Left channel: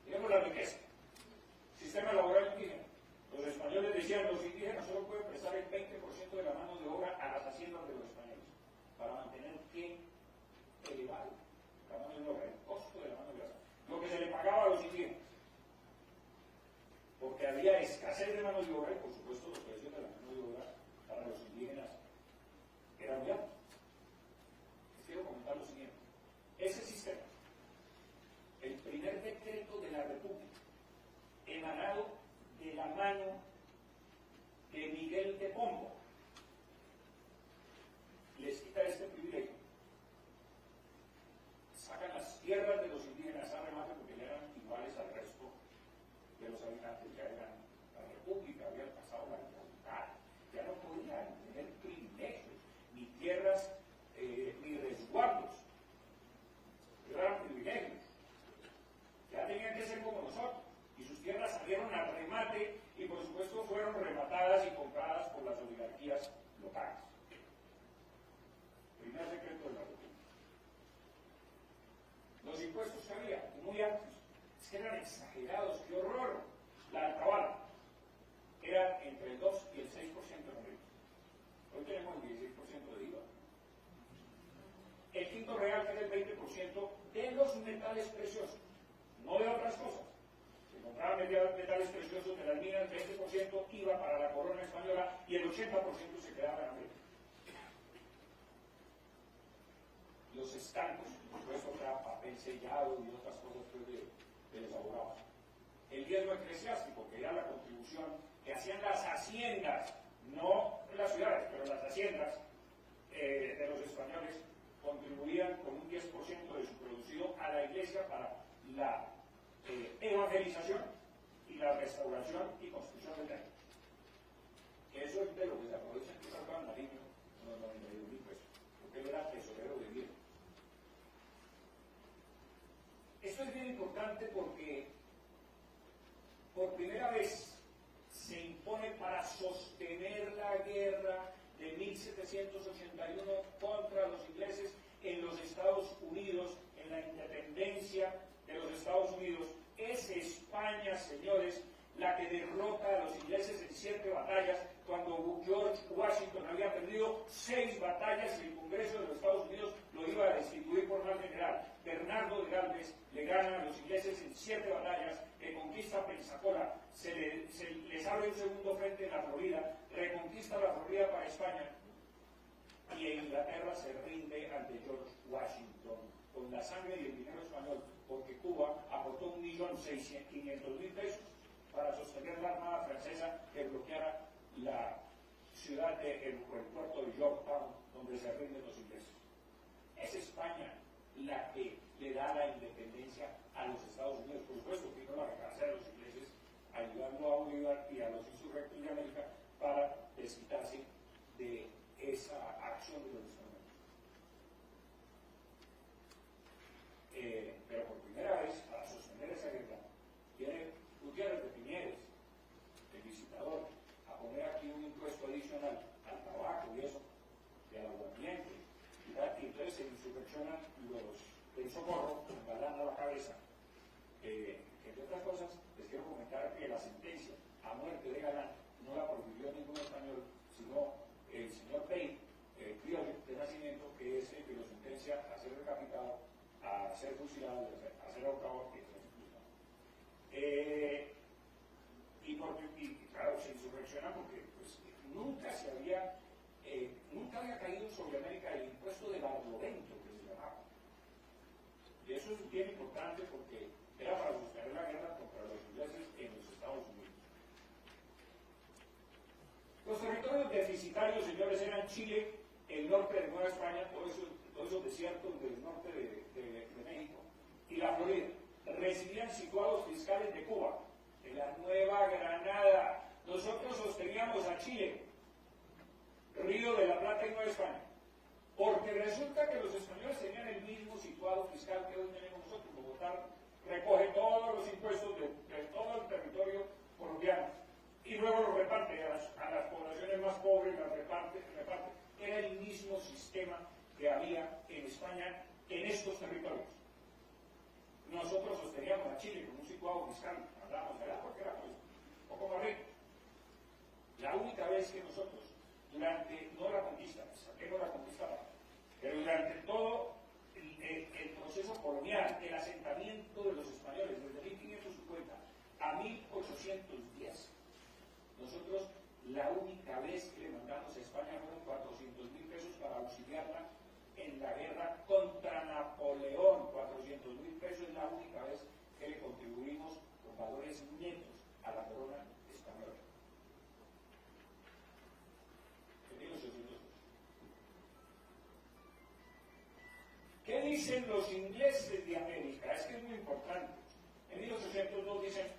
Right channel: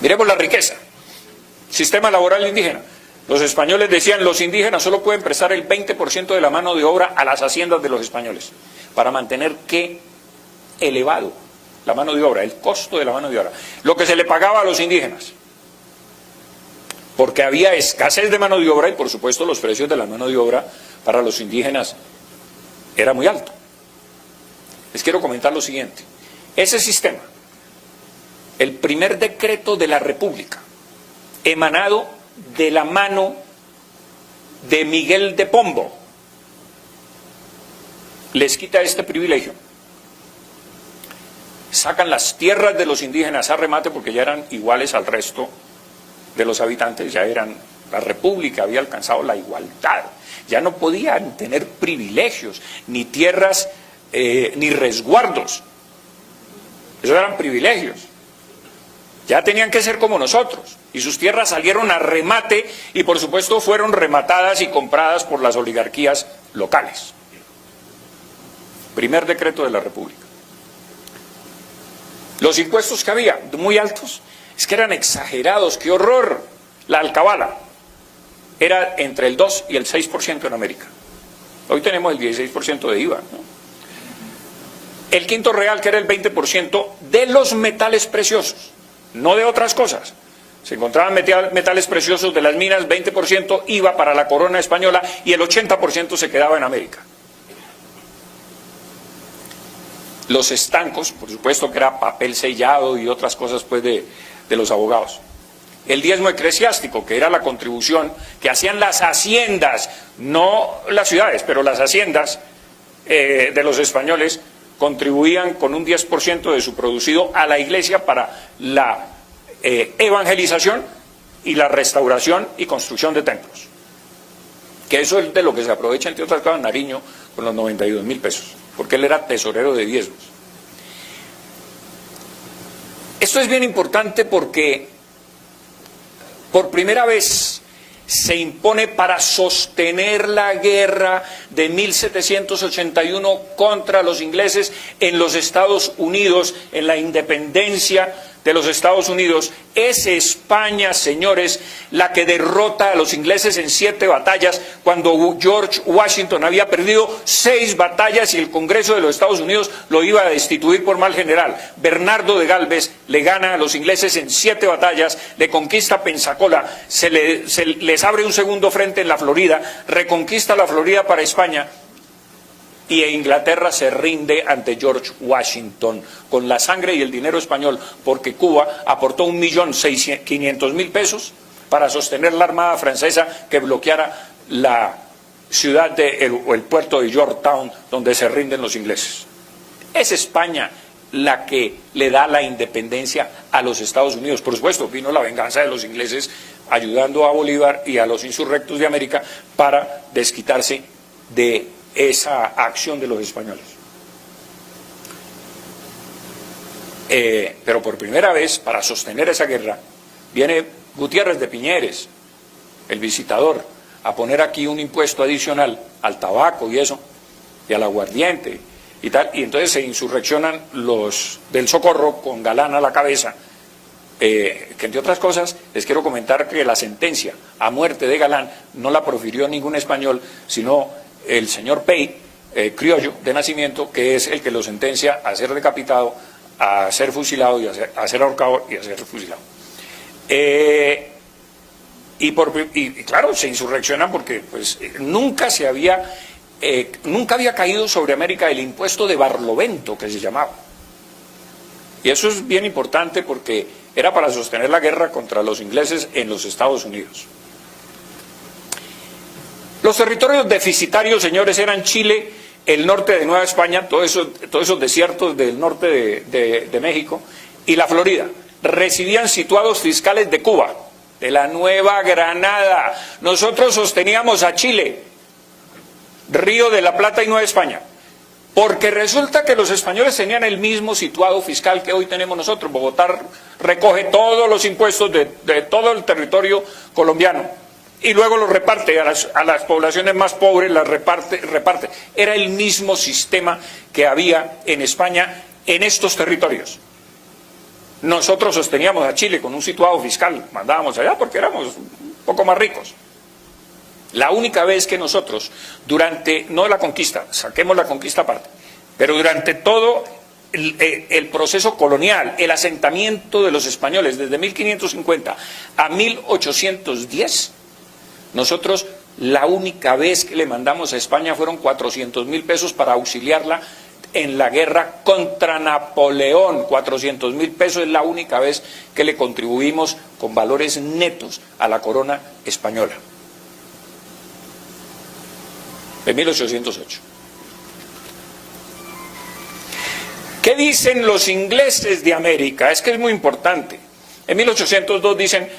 Miremos la riqueza. Sistema laboral indígena. Los españoles decían, los indígenas solo pueden prestar el 20% de la mano de obra a las haciendas de los españoles, para mantener ¿qué? Elevado la mano de obra, el costo de la mano de obra, lo que se le pagaba a los indígenas, porque había escasez de mano de obra y por supuesto los precios de la mano de obra para los indígenas era muy alto. Les quiero comentar lo siguiente, ese sistema, el primer decreto de la República, emanado de la mano de Miguel de Pombo, les quita este privilegio. Sacan las tierras de los indígenas a remate porque ya eran iguales al resto de los habitantes, ya eran, la República había alcanzado la igualdad, ya no podían tener privilegios, ni tierras, ni resguardos, esos eran privilegios, ya tenían que ser como nosotros, y sus tierras salieron a remate y por supuesto fueron rematadas y compradas por las oligarquías locales. Primer decreto de la República. Los impuestos que había, muy altos, es que eran exagerados, ¡qué horror! La alcabala era entre el 2 y el 6% en América. Hoy tenemos el 16% de IVA, ¿no? El quinto real, que era el 20% de los metales preciosos, no de otras cosas. Se encontraban metales preciosos de las minas, 20% IVA para la corona española y el 80% se quedaba en América. Los estancos, por supuesto que era papel sellado y otras cosas pues de los abogados. El diezmo eclesiástico, que era la contribución que hacían las haciendas, no las ciudades, pero las haciendas de los españoles, contribuían con un 10% de su producido a la iglesia para la evangelización y la restauración y construcción de templos. Que eso es de lo que se aprovecha, entre otras cosas, Nariño con los 92.000 pesos. Porque él era tesorero de diezmos. Esto es bien importante porque por primera vez se impone para sostener la guerra de 1781 contra los ingleses en los Estados Unidos, en la independencia de los Estados Unidos. Es España, señores, la que derrota a los ingleses en 7 batallas, cuando George Washington había perdido 6 batallas y el Congreso de los Estados Unidos lo iba a destituir por mal general. Bernardo de Galvez le gana a los ingleses en 7 batallas, le conquista Pensacola, les abre un segundo frente en la Florida, reconquista la Florida para España, y Inglaterra se rinde ante George Washington con la sangre y el dinero español, porque Cuba aportó 1.500.000 pesos para sostener la armada francesa que bloqueara la ciudad o el puerto de Yorktown, donde se rinden los ingleses. Es España la que le da la independencia a los Estados Unidos. Por supuesto, vino la venganza de los ingleses ayudando a Bolívar y a los insurrectos de América para desquitarse de esa acción de los españoles. Pero por primera vez, para sostener esa guerra, viene Gutiérrez de Piñeres, el visitador, a poner aquí un impuesto adicional al tabaco y eso, y al aguardiente y tal, y entonces se insurreccionan los del Socorro con Galán a la cabeza, que entre otras cosas les quiero comentar que la sentencia a muerte de Galán no la profirió ningún español, sino el señor Pey, criollo de nacimiento, que es el que lo sentencia a ser decapitado, a ser fusilado, y a ser ahorcado y a ser fusilado. Y claro, se insurreccionan porque pues, nunca había caído sobre América el impuesto de Barlovento, que se llamaba. Y eso es bien importante porque era para sostener la guerra contra los ingleses en los Estados Unidos. Los territorios deficitarios, señores, eran Chile, el norte de Nueva España, todos esos desiertos del norte de México, y la Florida. Recibían situados fiscales de Cuba, de la Nueva Granada. Nosotros sosteníamos a Chile, Río de la Plata y Nueva España, porque resulta que los españoles tenían el mismo situado fiscal que hoy tenemos nosotros. Bogotá recoge todos los impuestos de todo el territorio colombiano y luego los reparte a las poblaciones más pobres, las reparte. Era el mismo sistema que había en España en estos territorios. Nosotros sosteníamos a Chile con un situado fiscal, mandábamos allá porque éramos un poco más ricos. La única vez que nosotros, durante, no la conquista, saquemos la conquista aparte, pero durante todo el proceso colonial, el asentamiento de los españoles desde 1550 a 1810, nosotros la única vez que le mandamos a España fueron 400.000 pesos para auxiliarla en la guerra contra Napoleón. 400.000 pesos es la única vez que le contribuimos con valores netos a la corona española. De 1808. ¿Qué dicen los ingleses de América? Es que es muy importante. En 1802 dicen,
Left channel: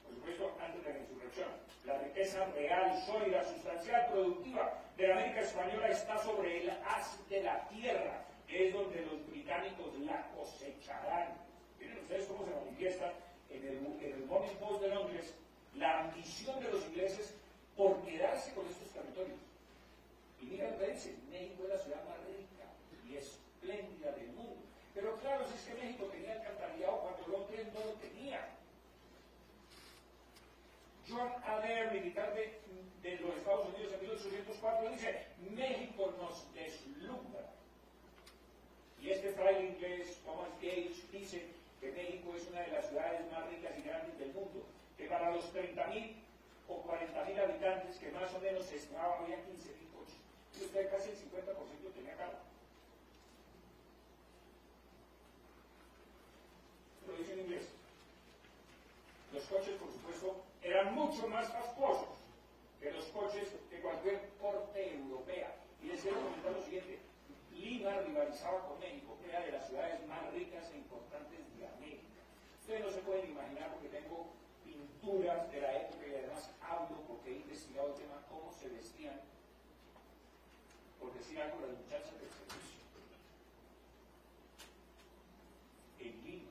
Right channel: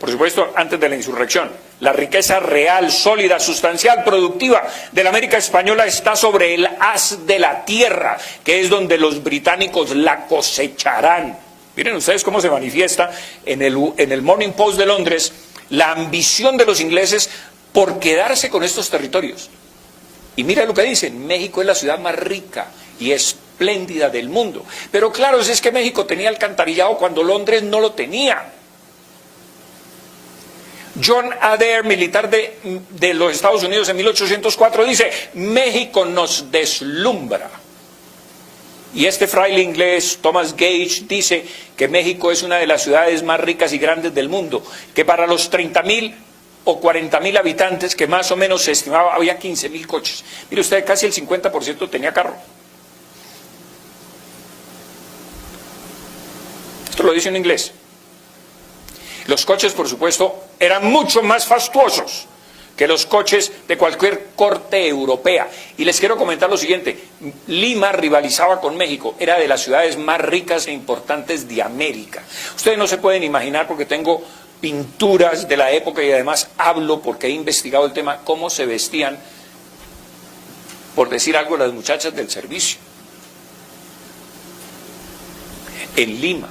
por supuesto, antes de la insurrección, la riqueza real, sólida, sustancial, productiva de la América española está sobre el haz de la tierra, que es donde los británicos la cosecharán. Miren ustedes cómo se manifiesta en el Morning Post de Londres la ambición de los ingleses por quedarse con estos territorios. Y mira lo que dicen, México es la ciudad más rica y espléndida del mundo. Pero claro, es que México tenía alcantarillado cuando Londres no lo tenía. John Adair, militar de los Estados Unidos en 1804, dice, México nos deslumbra. Y este fraile inglés, Thomas Gage, dice que México es una de las ciudades más ricas y grandes del mundo, que para los 30.000 o 40.000 habitantes, que más o menos se estimaba, había 15.000 coches. Mire usted, casi el 50% tenía carro. Esto lo dice un inglés. Los coches, por supuesto, eran mucho más fastuosos que los coches de cualquier corte europea. Y les quiero comentar lo siguiente, Lima rivalizaba con México, era de las ciudades más ricas e importantes de América. Ustedes no se pueden imaginar, porque tengo pinturas de la época y además hablo porque he investigado el tema, cómo se vestían, por decir algo, las muchachas del servicio. En Lima.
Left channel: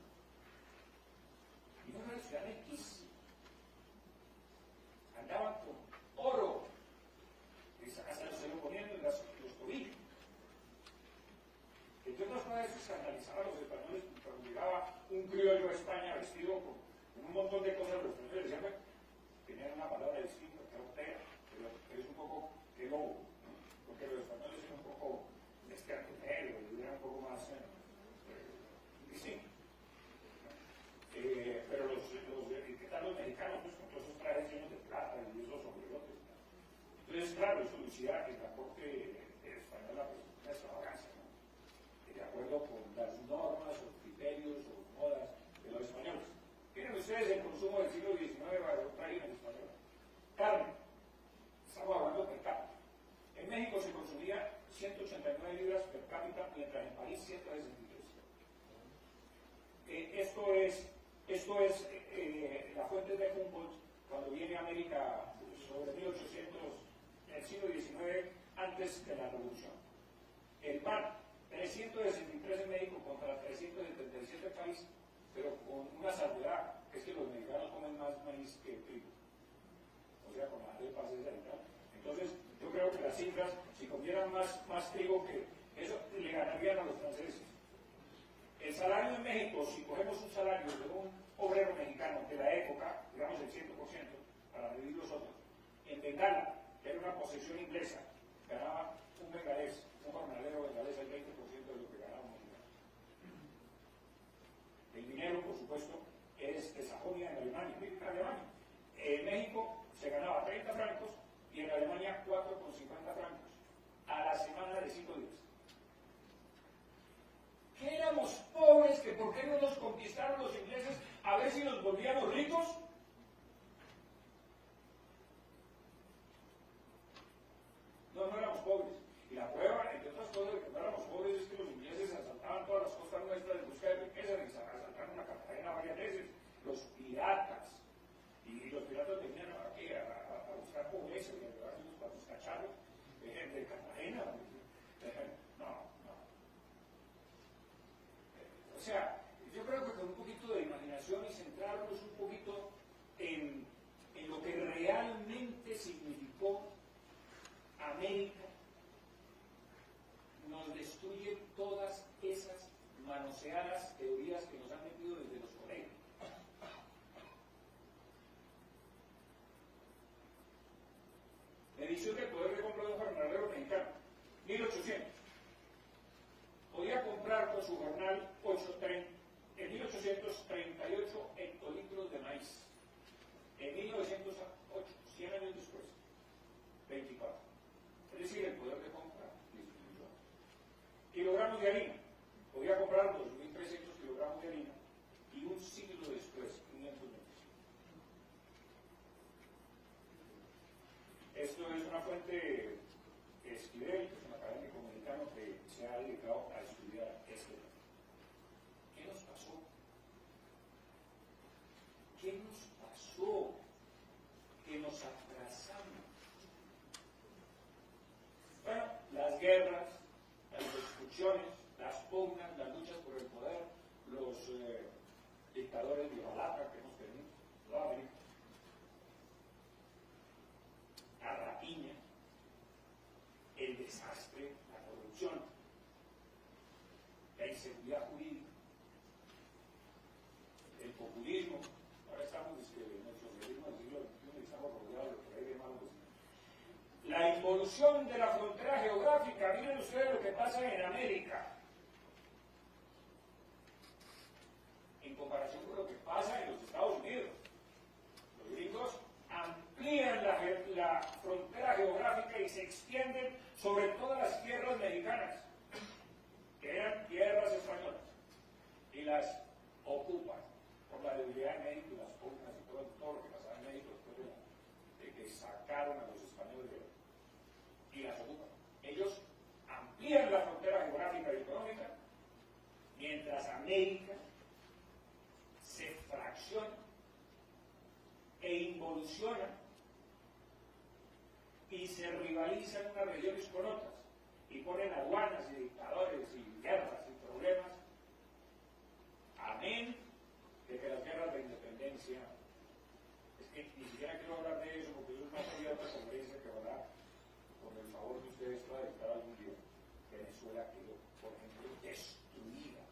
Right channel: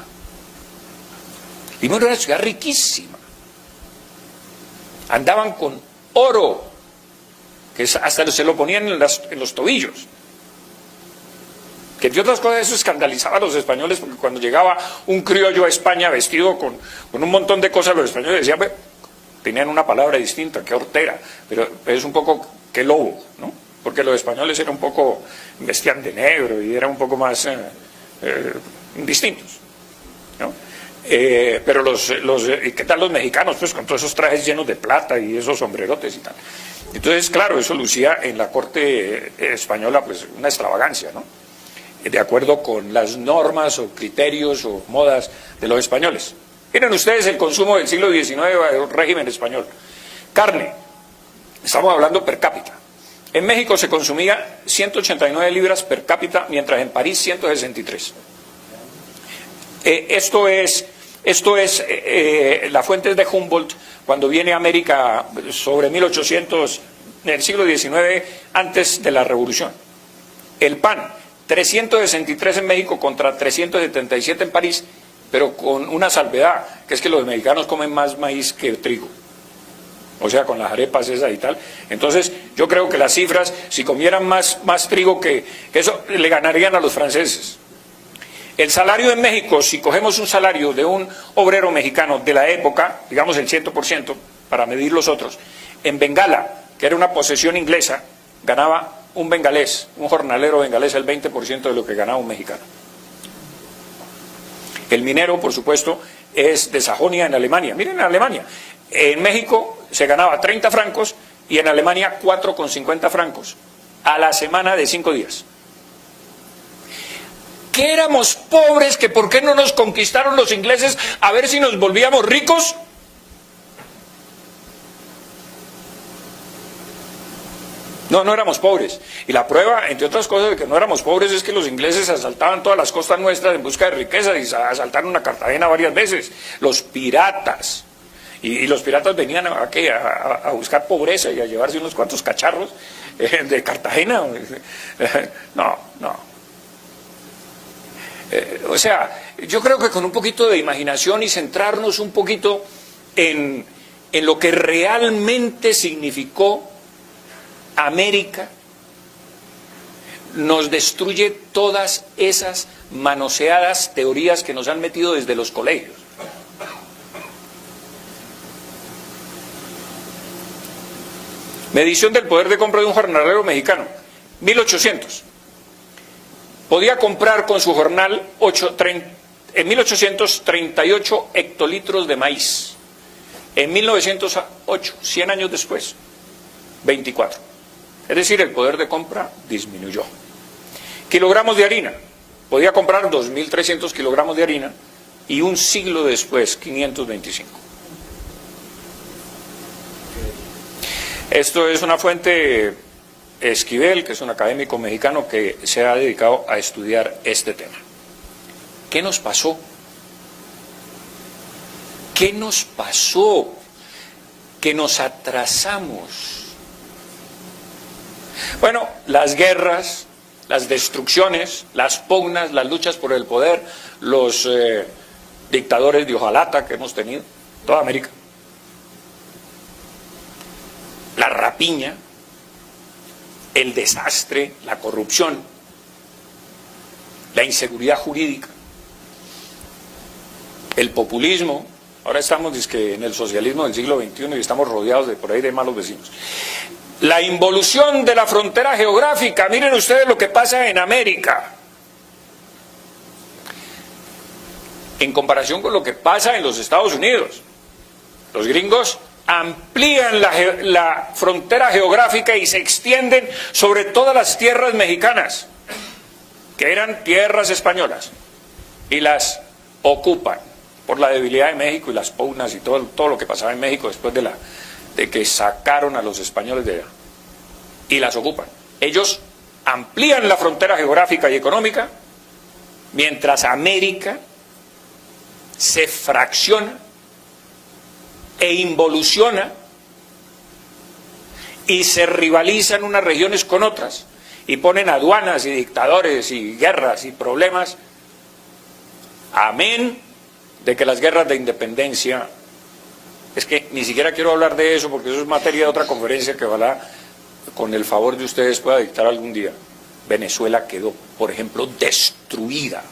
Lima era una ciudad riquísima. Andaban con oro, que hasta se lo ponían en los tobillos. Que entre otras cosas eso escandalizaba a los españoles, porque cuando llegaba un criollo a España vestido con un montón de cosas, los españoles decían, tenían una palabra distinta, que hortera, pero es un poco que lobo, ¿no? Porque los españoles eran un poco, vestían de negro y eran un poco más distintos, ¿no? Pero ¿qué tal los mexicanos? Pues con todos esos trajes llenos de plata y esos sombrerotes y tal. Entonces, claro, eso lucía en la corte española, pues una extravagancia, ¿no? De acuerdo con las normas o criterios o modas de los españoles. Miren ustedes el consumo del siglo XIX del régimen español. Carne, estamos hablando per cápita. En México se consumía 189 libras per cápita, mientras en París 163. Esto es la fuente de Humboldt, cuando viene a América sobre 1800, en el siglo XIX, antes de la Revolución. El pan, 363 en México contra 377 en París, pero con una salvedad, que es que los mexicanos comen más maíz que trigo. O sea, con las arepas esas y tal. Entonces, yo creo que las cifras, si comieran más trigo que eso, le ganarían a los franceses. El salario en México, si cogemos un salario de un obrero mexicano de la época, digamos el 100%, para medir los otros, en Bengala, que era una posesión inglesa, ganaba un bengalés, un jornalero bengalés, el 20% de lo que ganaba un mexicano. El minero, por supuesto, es de Sajonia, en Alemania. Miren, en Alemania, en México se ganaba 30 francos y en Alemania 4,50 francos a la semana de 5 días. ¿Que éramos pobres? ¿Que por qué no nos conquistaron los ingleses a ver si nos volvíamos ricos? No, no éramos pobres. Y la prueba, entre otras cosas, de que no éramos pobres es que los ingleses asaltaban todas las costas nuestras en busca de riqueza y asaltaron a Cartagena varias veces. Los piratas. Y los piratas venían a buscar pobreza y a llevarse unos cuantos cacharros de Cartagena. No. O sea, yo creo que con un poquito de imaginación y centrarnos un poquito en lo que realmente significó América, nos destruye todas esas manoseadas teorías que nos han metido desde los colegios. Medición del poder de compra de un jornalero mexicano, 1800. Podía comprar con su jornal en 1838 hectolitros de maíz. En 1908, 100 años después, 24. Es decir, el poder de compra disminuyó. Kilogramos de harina. Podía comprar 2.300 kilogramos de harina y un siglo después, 525. Esto es una fuente Esquivel, que es un académico mexicano que se ha dedicado a estudiar este tema. ¿Qué nos pasó? ¿Qué nos pasó? Que nos atrasamos. Bueno, las guerras, las destrucciones, las pugnas, las luchas por el poder, los dictadores de hojalata que hemos tenido, toda América. La rapiña, el desastre, la corrupción, la inseguridad jurídica, el populismo. Ahora estamos en el socialismo del siglo XXI y estamos rodeados de por ahí de malos vecinos. La involución de la frontera geográfica. Miren ustedes lo que pasa en América en comparación con lo que pasa en los Estados Unidos. Los gringos amplían la frontera geográfica y se extienden sobre todas las tierras mexicanas, que eran tierras españolas, y las ocupan por la debilidad de México y las pugnas y todo lo que pasaba en México después de que sacaron a los españoles de allá, y las ocupan. Ellos amplían la frontera geográfica y económica, mientras América se fracciona e involuciona y se rivalizan unas regiones con otras y ponen aduanas y dictadores y guerras y problemas, amén de que las guerras de independencia, es que ni siquiera quiero hablar de eso porque eso es materia de otra conferencia que ojalá con el favor de ustedes pueda dictar algún día. Venezuela quedó, por ejemplo, destruida,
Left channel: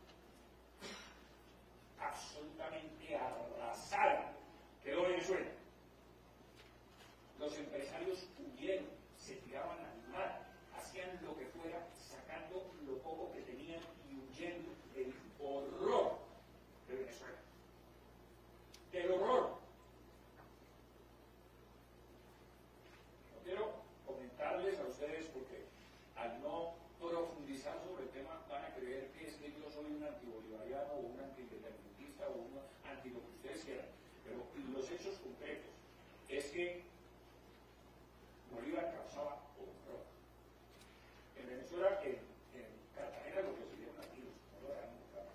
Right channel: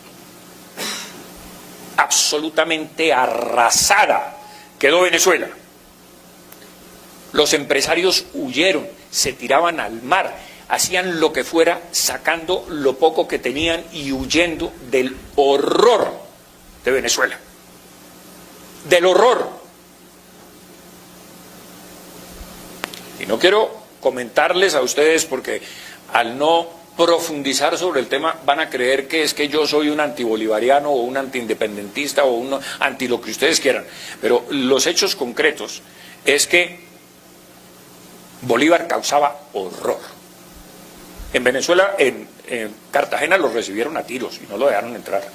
absolutamente arrasada. Quedó Venezuela. Los empresarios huyeron, se tiraban al mar, hacían lo que fuera, sacando lo poco que tenían y huyendo del horror de Venezuela. Del horror. Y no quiero comentarles a ustedes porque al no profundizar sobre el tema van a creer que es que yo soy un antibolivariano o un antiindependentista o un anti lo que ustedes quieran, pero los hechos concretos es que Bolívar causaba horror. En Venezuela, en Cartagena los recibieron a tiros y no lo dejaron entrar.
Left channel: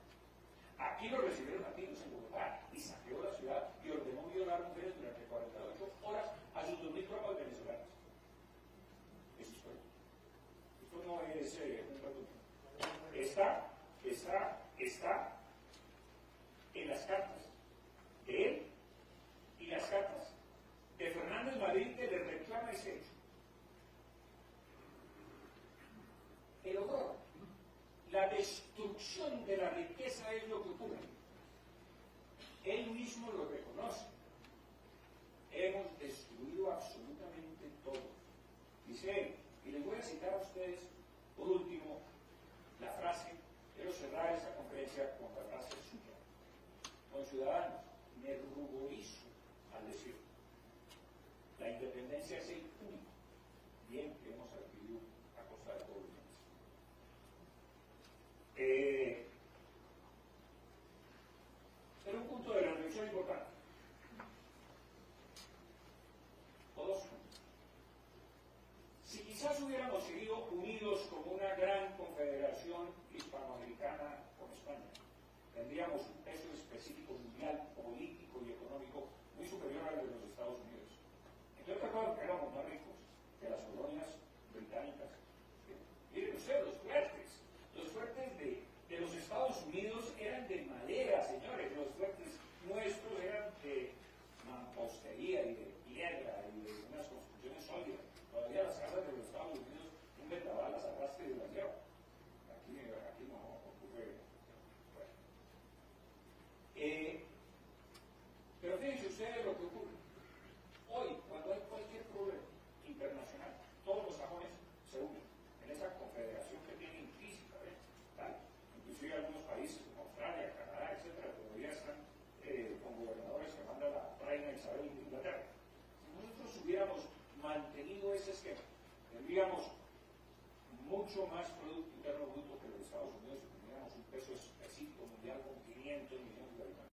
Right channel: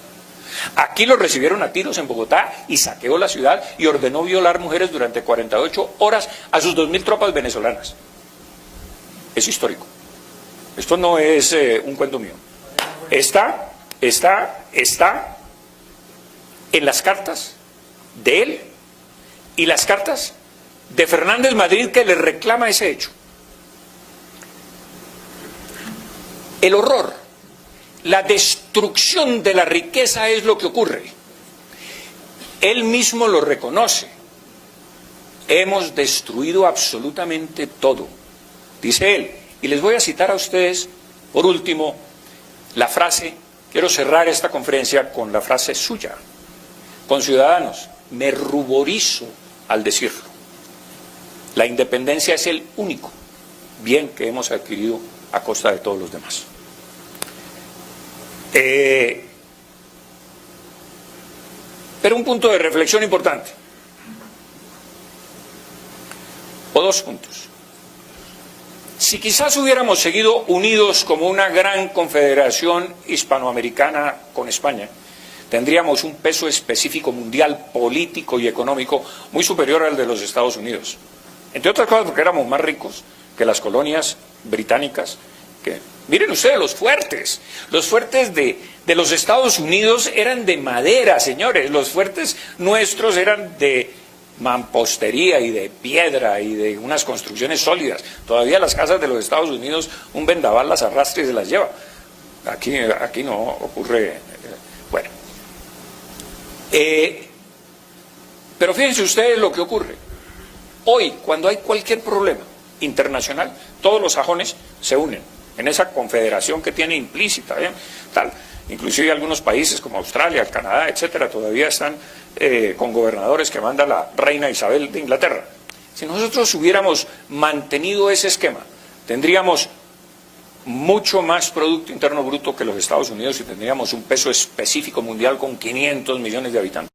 Aquí los recibieron a tiros en Bogotá y saqueó la ciudad y ordenó violar mujeres durante 48 horas a sus 2.000 tropas venezolanas. Es histórico. Esto no es un cuento mío. Está en las cartas de él y las cartas de Fernández Madrid que le reclama ese hecho. El horror, la destrucción de la riqueza es lo que ocurre. Él mismo lo reconoce. Hemos destruido absolutamente todo, dice él. Y les voy a citar a ustedes, por último, la frase, quiero cerrar esta conferencia con la frase suya. Conciudadanos, me ruborizo al decirlo. La independencia es el único bien que hemos adquirido a costa de todos los demás. Pero un punto de reflexión importante, o dos puntos. Si quizás hubiéramos seguido unidos como una gran confederación hispanoamericana con España, tendríamos un peso específico mundial, político y económico muy superior al de los Estados Unidos. Entre otras cosas porque éramos más ricos que las colonias británicas. Miren ustedes los fuertes de los Estados Unidos eran de madera, señores. Los fuertes nuestros eran de mampostería y de piedra y de unas construcciones sólidas. Todavía las casas de los Estados Unidos un vendaval las arrastra y se las lleva. Aquí no ocurre Pero fíjense ustedes lo que ocurre. Hoy, cuando hay cualquier problema internacional, todos los sajones se unen en esa confederación que tiene implícita, tal. Inclusive algunos países como Australia, Canadá, etcétera, todavía están con gobernadores que manda la reina Isabel de Inglaterra. Si nosotros hubiéramos mantenido ese esquema, tendríamos mucho más Producto Interno Bruto que los Estados Unidos y tendríamos un peso específico mundial con 500 millones de habitantes.